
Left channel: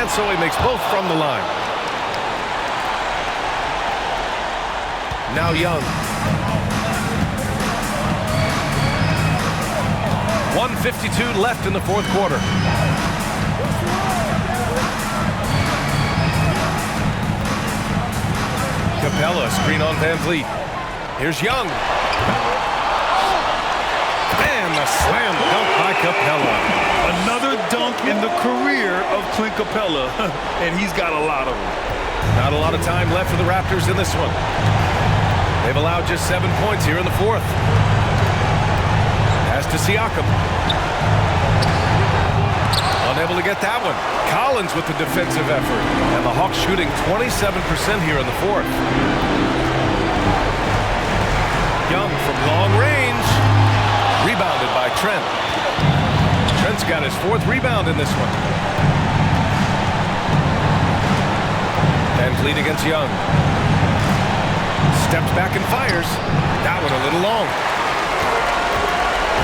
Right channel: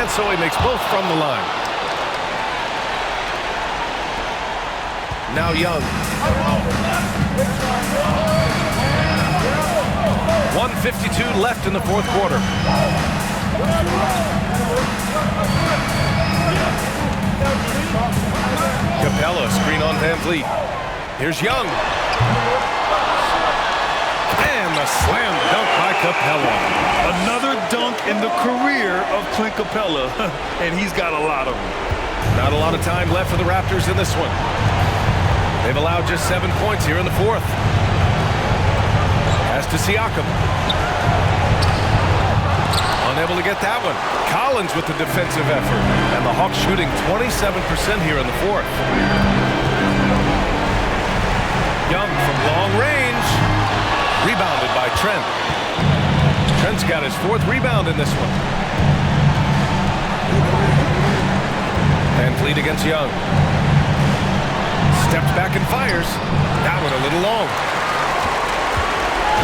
And so he makes both from the line. Now Young. 1:52 left in the fourth quarter. Capella, screen on VanVleet. Here's Young. And a slam dunk by Capella. Another dunk in the career of Clint Capella, and he's got a lot of them. Not a lot of time left for the Raptors in this one. They've allowed just 7 points here in the fourth. Pass to Siakam. Unable to get that one. Collins with the defensive effort. And the Hawks shooting 27% here in the fourth. Young from long range. Rebounded by Trent. Trent's got his 4th rebound in this one. VanVleet against Young. Steps back and fires. That one a little long.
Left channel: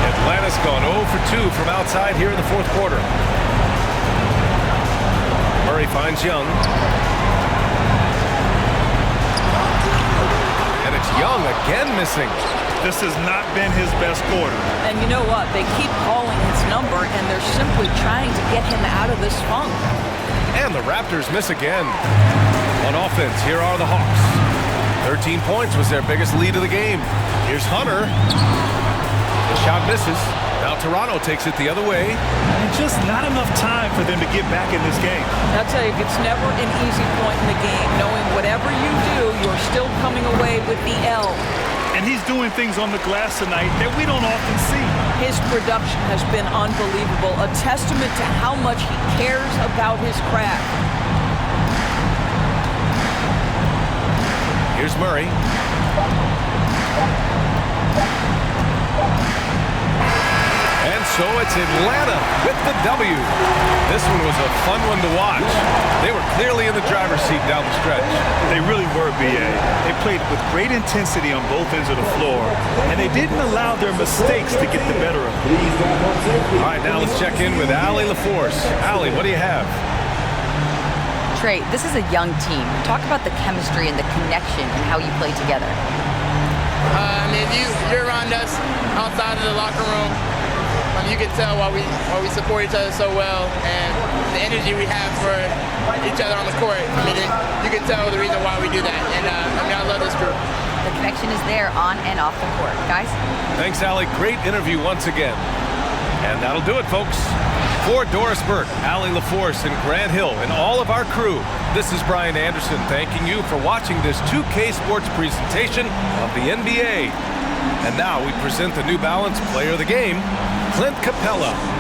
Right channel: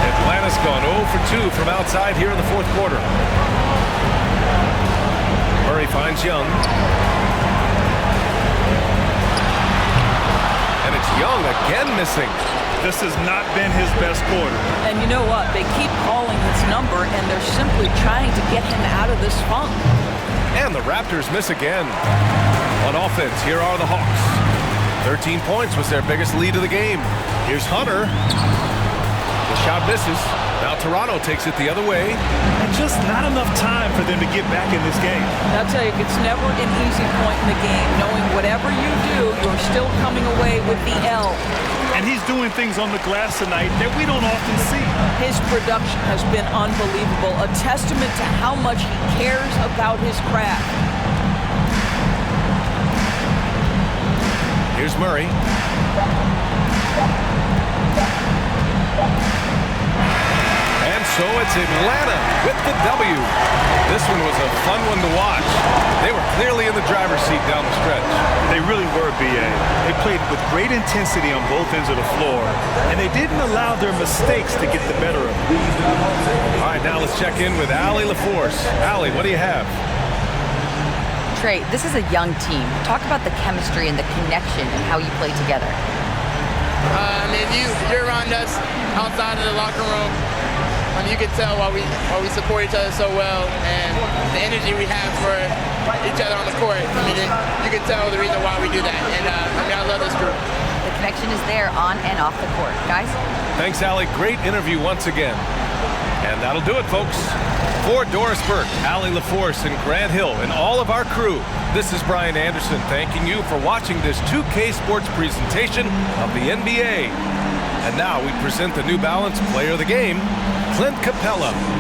Atlanta's gone 0 for 2 from outside here in the fourth quarter. Murray finds Young. And it's Young again missing. This has not been his best quarter. And you know what? They keep calling his number, and they're simply trying to get him out of this funk. And the Raptors miss again. On offense, here are the Hawks. 13 points was their biggest lead of the game. Here's Hunter. The shot misses. Now Toronto takes it the other way. And just not enough time for them to get back in this game. I'll tell you, it's never an easy point in the game, knowing whatever you do, you're still coming away with the L. And he's doing things on the glass tonight that we don't often see. His production has been unbelievable, a testament to how much he cares about his craft. Here's Murray. And so it's Atlanta with the W. This one was a fun one to watch. They were clearly in the driver's seat down the stretch. They really were, B.A. They played with great intensity on both ends of the floor, and they didn't allow their mistakes to get the better of them. All right, now let's check in with Allie LaForce. Allie, what do you have? Trey, this is a young team. Talk about the chemistry and the connection and how you play together. I mean, you're around us outside of the locker room. You can tell why we support each other so well, and the energy we have for each other on the court. I mean, you can tell the reason why we do that. And I love this group. The connection is there on and off the court. Guys? Thanks, Allie. Great interview once again. And that'll do it, folks. For Doris Burke, Allie LaForce, and Grant Hill, and all of our crew, this is Brian Anderson thanking you for watching this 2K Sports presentation of the NBA. And now we present the New Balance Player of the Game, Clint Capella.